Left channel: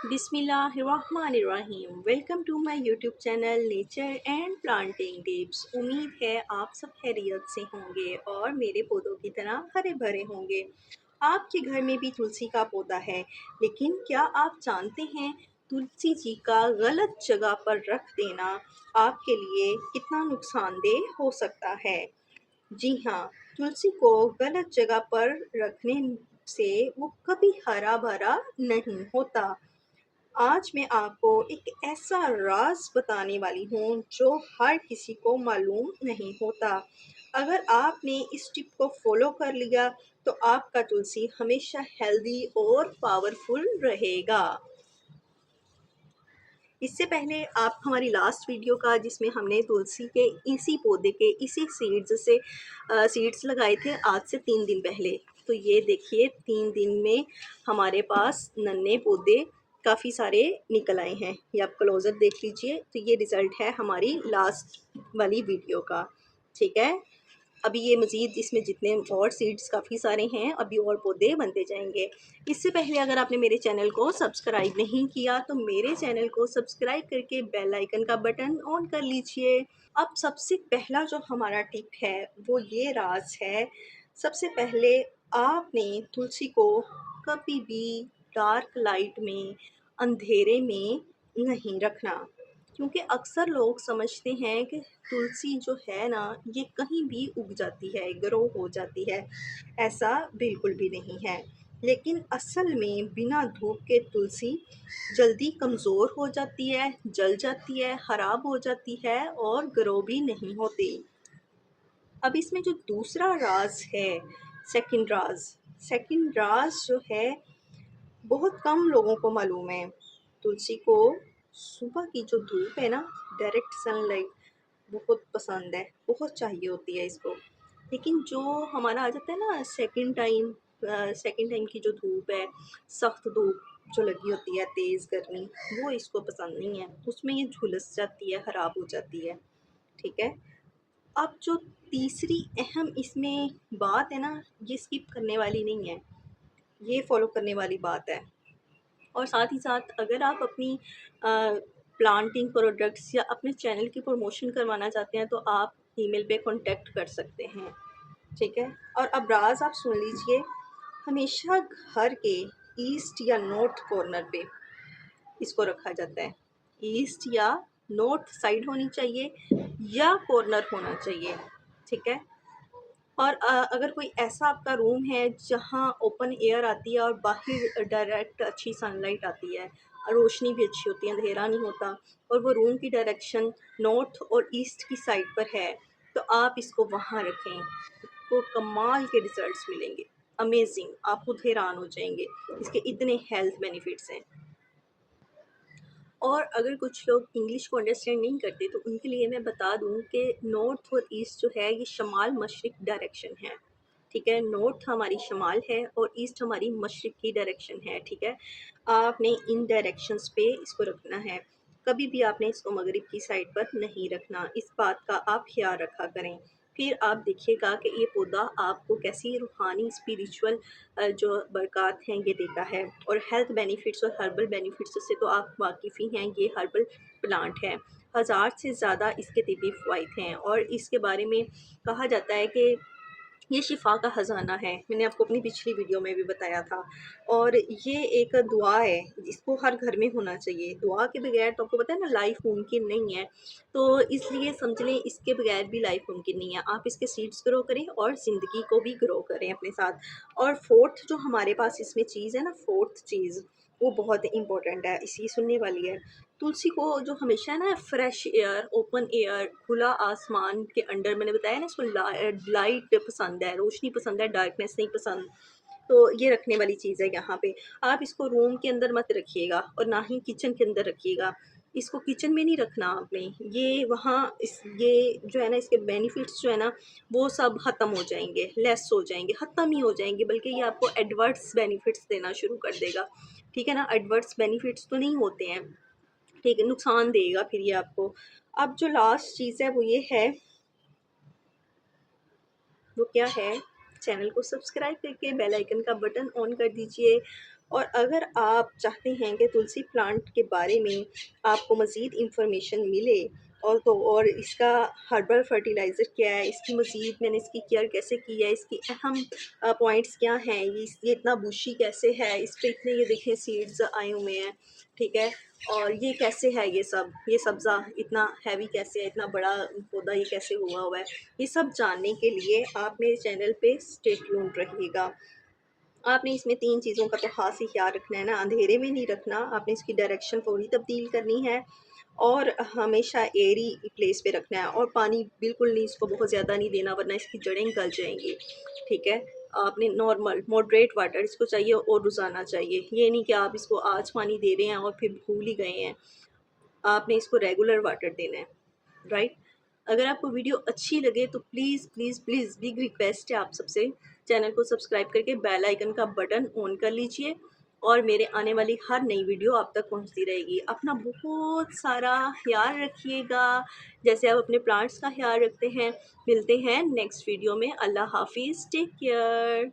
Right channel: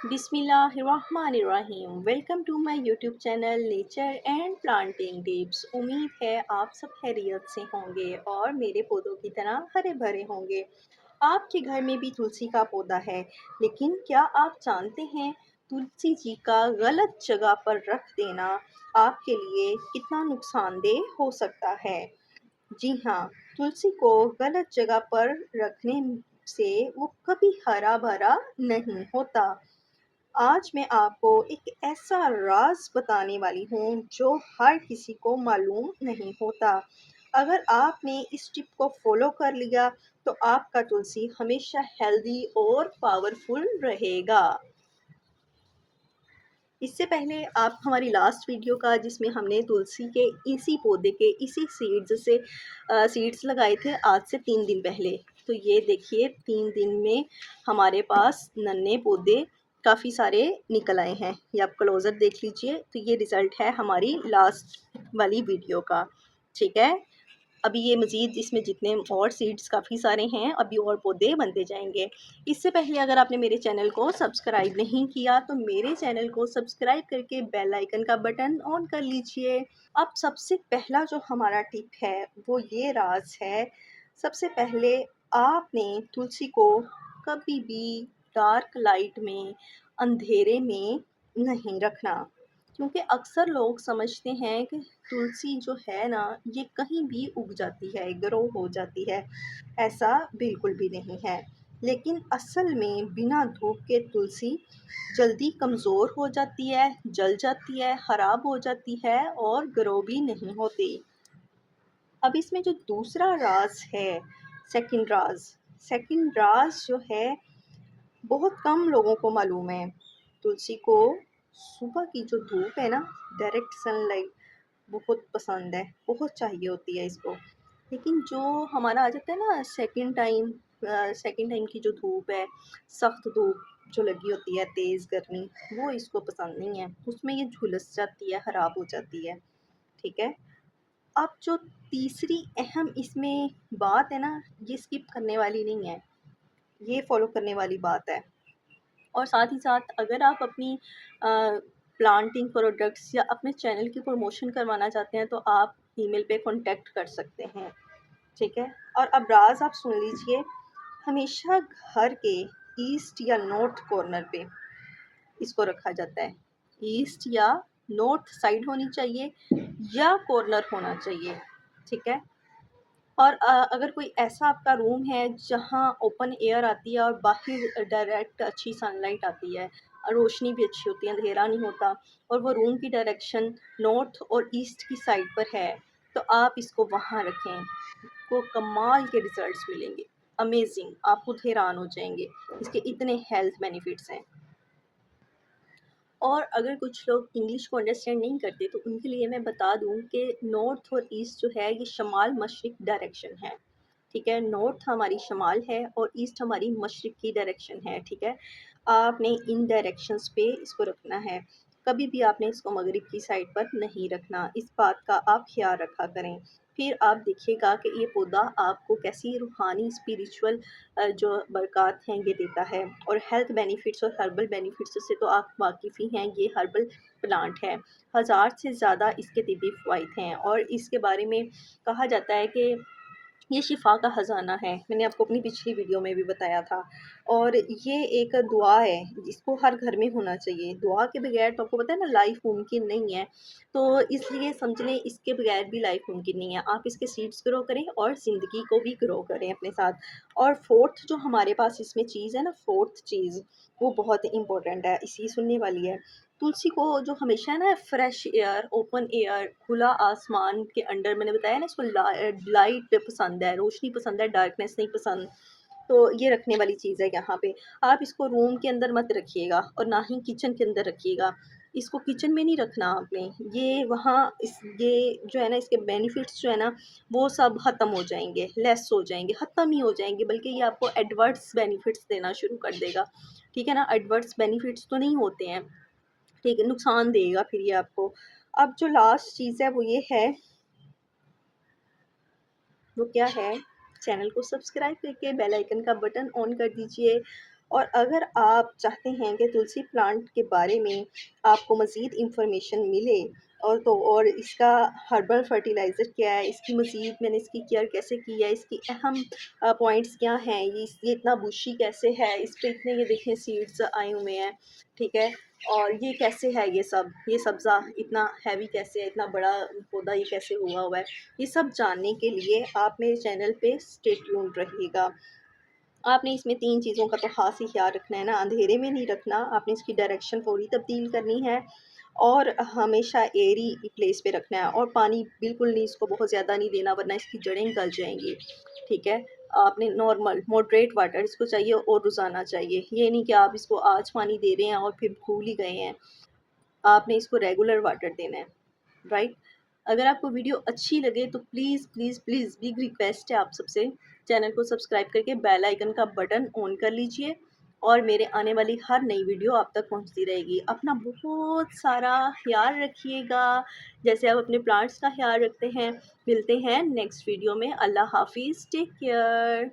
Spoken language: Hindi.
बिस्मिल्लाहिर्रहमानिर्रहीम। Welcome to my YouTube channel nature and planting tips. उम्मीद है आप सब खैरियत से होंगे और मेरे पौधों की तरह हरे भरे होंगे। आपके घर में भी तुलसी का पौधा है, लेकिन क्या आप जानते हैं तुलसी जी का गलत जगह पर रख देना आपके लिए कितना नुकसानदेह हो सकता है। जी हाँ, तुलसी को गलत जगह पर रखने से वो कभी हरा भरा नहीं होता। आज मैं आपको एक ऐसा राज बताने वाली हूँ जो हर किसी को मालूम नहीं होता। अगर आपने इस टिप को फॉलो कर लिया तो आपका तुलसी हमेशा हेल्दी और पावरफुल रहेगा। इससे पहले आप हमारी लास्ट वीडियो का जिसमें हमने तुलसी के इसी पौधे के इसी सीड्स से सीड्स लगाए थे आज से 3 दिन पहले। तो ये देखिए 3 दिन में हमारे पास नन्हे पौधे काफ़ी सारे निकल आए हैं। ये आप क्लोजर देख लीजिए। तो ये रिज़ल्ट है हमारी लास्ट वाली वीडियो का। ठीक है, अभी ये मज़ीद इसमें जितने और सीड्स काफ़ी सारे हैं, अभी और पौधे बनते जाएंगे। इससे पहले अगर आपने मेरे चैनल को सब्सक्राइब नहीं किया तो मेरे चैनल को सब्सक्राइब करके बेल आइकन का बटन ऑन कर लीजिए। अब सबसे पहला जो हमारा टिप है वो ये राज है। सबसे पहले आपने तुलसी को कभी भी डार्क लाइट में, अंधेरे में नहीं रखना, क्योंकि अक्सर लोग समझते हैं कि तुलसी जो है ना ये कहीं भी उग जाती है, ग्रो हो जाती है। ऐसा बिल्कुल भी नहीं है। लेकिन असल में बिना धूप के तुलसी जल्दी कमज़ोर हो जाती है, जल जाती है, ख़राब हो जाती है और ग्रो भी नहीं होती। अब इसमें जो दूसरा राज है, सेकंड राज जो है बहुत कम लोगों को मालूम है। तुलसी को सुबह की जो धूप है ना, डायरेक्ट सनलाइट बहुत पसंद है, बहुत चाहिए होती है इसको। लेकिन जो हमारा आ जाता है ना सेकंड टाइम की जो धूप है, सख्त धूप जो लगी होती है, तेज़ गर्मी, वो इसको पसंद नहीं है। उसमें ये झुलस जाती है, ख़राब हो जाती है। ठीक है, अब जो तीसरी अहम इसमें बात है ना, ये स्किप करने वाली नहीं है, ये फॉलो करने वाली बात है। और साथ ही साथ अगर आप अपनी प्लांटिंग प्रोडक्ट्स या अपने चैनल की प्रमोशन करवाना चाहते हैं तो आप ईमेल पे कांटेक्ट कर सकते हैं। ठीक है, और अब राज आप सुन लीजिए। हमेशा घर के ईस्ट या नॉर्थ कॉर्नर पे इसको रखा जाता है। ईस्ट या नॉर्थ साइड होनी चाहिए या कॉर्नर होना चाहिए। ठीक है, और अगर कोई ऐसा आपका रूम है जहाँ ओपन एयर आती है और बाहर डायरेक्ट अच्छी सनलाइट आती है, रोशनी भी अच्छी होती है, अंधेरा नहीं होता, और वो रूम की डायरेक्शन नॉर्थ और ईस्ट की साइड पर है, तो आप इसको वहाँ रखें। को कमाल के रिजल्ट्स मिलेंगे, अमेजिंग, आप खुद हैरान हो जाएंगे। इसके इतने हेल्थ बेनिफिट्स हैं। और अगर कुछ लोग इंग्लिश को अंडरस्टैंड नहीं करते तो उनके लिए मैं बता दूं कि नॉर्थ और ईस्ट जो है ये शमाल मशरिक डायरेक्शन है। ठीक है, नॉर्थ हमारी शमाल है और ईस्ट हमारी मशरिक की डायरेक्शन है। ठीक है, आपने इन डायरेक्शंस पे इसको रखना है। कभी भी आपने इसको मगरिब की साइड पर नहीं रखना, इस बात का आप ख्याल रखा करें। फिर आप देखिएगा कि ये पौधा आपको कैसी रूहानी स्पिरिचुअल जो बरक़ात हैं ये देता है। और हेल्थ बेनिफिट्स और हर्बल बेनिफिट्स से तो आप वाकिफ़ ही हैं, ये हर्बल प्लांट है। हज़ार से ज़्यादा इसके तिब्बी फ़वाइद हैं और इसके बारे में कहा जाता है कि ये शिफा का ख़जाना है। मैंने आपको अपनी पिछली वीडियो में भी बताया था। और ये एक दुआ है जिसको हर घर में होना चाहिए। दुआ के बगैर तो आपको पता है ना लाइफ मुमकिन नहीं है। तो इसलिए समझ लें इसके बगैर भी लाइफ मुमकिन नहीं है। आप इसके सीड्स ग्रो करें और ज़िंदगी को भी ग्रो करें अपने साथ। और फोर्थ जो हमारे पास इसमें चीज़ है ना, फोर्थ चीज़ वो बहुत इंपॉर्टेंट है, इसी सुनने वाली है। तुलसी को जो हमेशा है ना फ्रेश एयर, ओपन एयर, खुला आसमान के अंडर, मैंने बताया ना इसको लाइट पसंद है, रोशनी पसंद है, डार्कनेस नहीं पसंद। तो ये रखने वाली चीज़ है यहाँ पे। आप इसको रूम के अंदर मत रखिएगा और ना ही किचन के अंदर रखिएगा। इसको किचन में नहीं रखना आपने। ये वहाँ इस ये जो है ना इसके बेनिफिट्स जो है ना वो सब ख़त्म हो जाएंगे, लेस हो जाएंगे, ख़त्म ही हो जाएंगे, बल्कि ये आपको एडवर्स बेनिफिट्स देना शुरू कर देगा। ठीक है ना, एडवर्स बेनिफिट्स तो नहीं होते हैं, ठीक है, नुकसान देगा फिर ये आपको। अब जो लास्ट चीज़ है वो ये है, वो क्या है, चैनल को सब्सक्राइब करके बेल आइकन का बटन ऑन कर दीजिए और अगर आप चाहते हैं कि तुलसी प्लांट के बारे में आपको मज़ीद इंफॉर्मेशन मिले और इसका हर्बल फर्टिलाइज़र क्या है, इसकी मज़ीद मैंने इसकी केयर कैसे की है, इसकी अहम पॉइंट्स क्या हैं, ये इतना बुशी कैसे है, इस पे इतने ये देखें सीड्स आए हुए हैं, ठीक है? और ये कैसे है ये सब्ज़ा इतना हैवी कैसे है, इतना बड़ा पौधा ये कैसे हुआ है, ये सब जानने के लिए आप मेरे चैनल पे स्टे ट्यून्ड रहिएगा। आपने इसमें 3 चीज़ों का तो ख़ास ही ख़्याल रखना है ना, अंधेरे में नहीं रखना, आपने इसकी डायरेक्शन पूरी तब्दील करनी है और हमेशा एयरी प्लेस पे रखना है और पानी बिल्कुल नहीं इसको बहुत ज़्यादा नहीं देना वरना इसकी जड़ें गल जाएँगी, ठीक है? आपने नॉर्मल मॉडरेट वाटर इसको चाहिए और रोज़ाना चाहिए, ये नहीं कि आप इसको आज पानी दे रहे हैं और फिर भूल ही गए हैं, आपने इसको रेगुलर वाटर देना है। राइट। अगर आपको वीडियो अच्छी लगे तो please please please big request है आप सबसे, चैनल को सब्सक्राइब करके बेल आइकन का बटन ऑन कर लीजिए और मेरे आने वाली हर नई वीडियो आप तक पहुंचती रहेगी। अपना बहुत सारा ख्याल रखिएगा जैसे आप अपने प्लांट्स का ख्याल रखते हैं। मिलते हैं नेक्स्ट वीडियो में। अल्लाह हाफिज़, टेक केयर।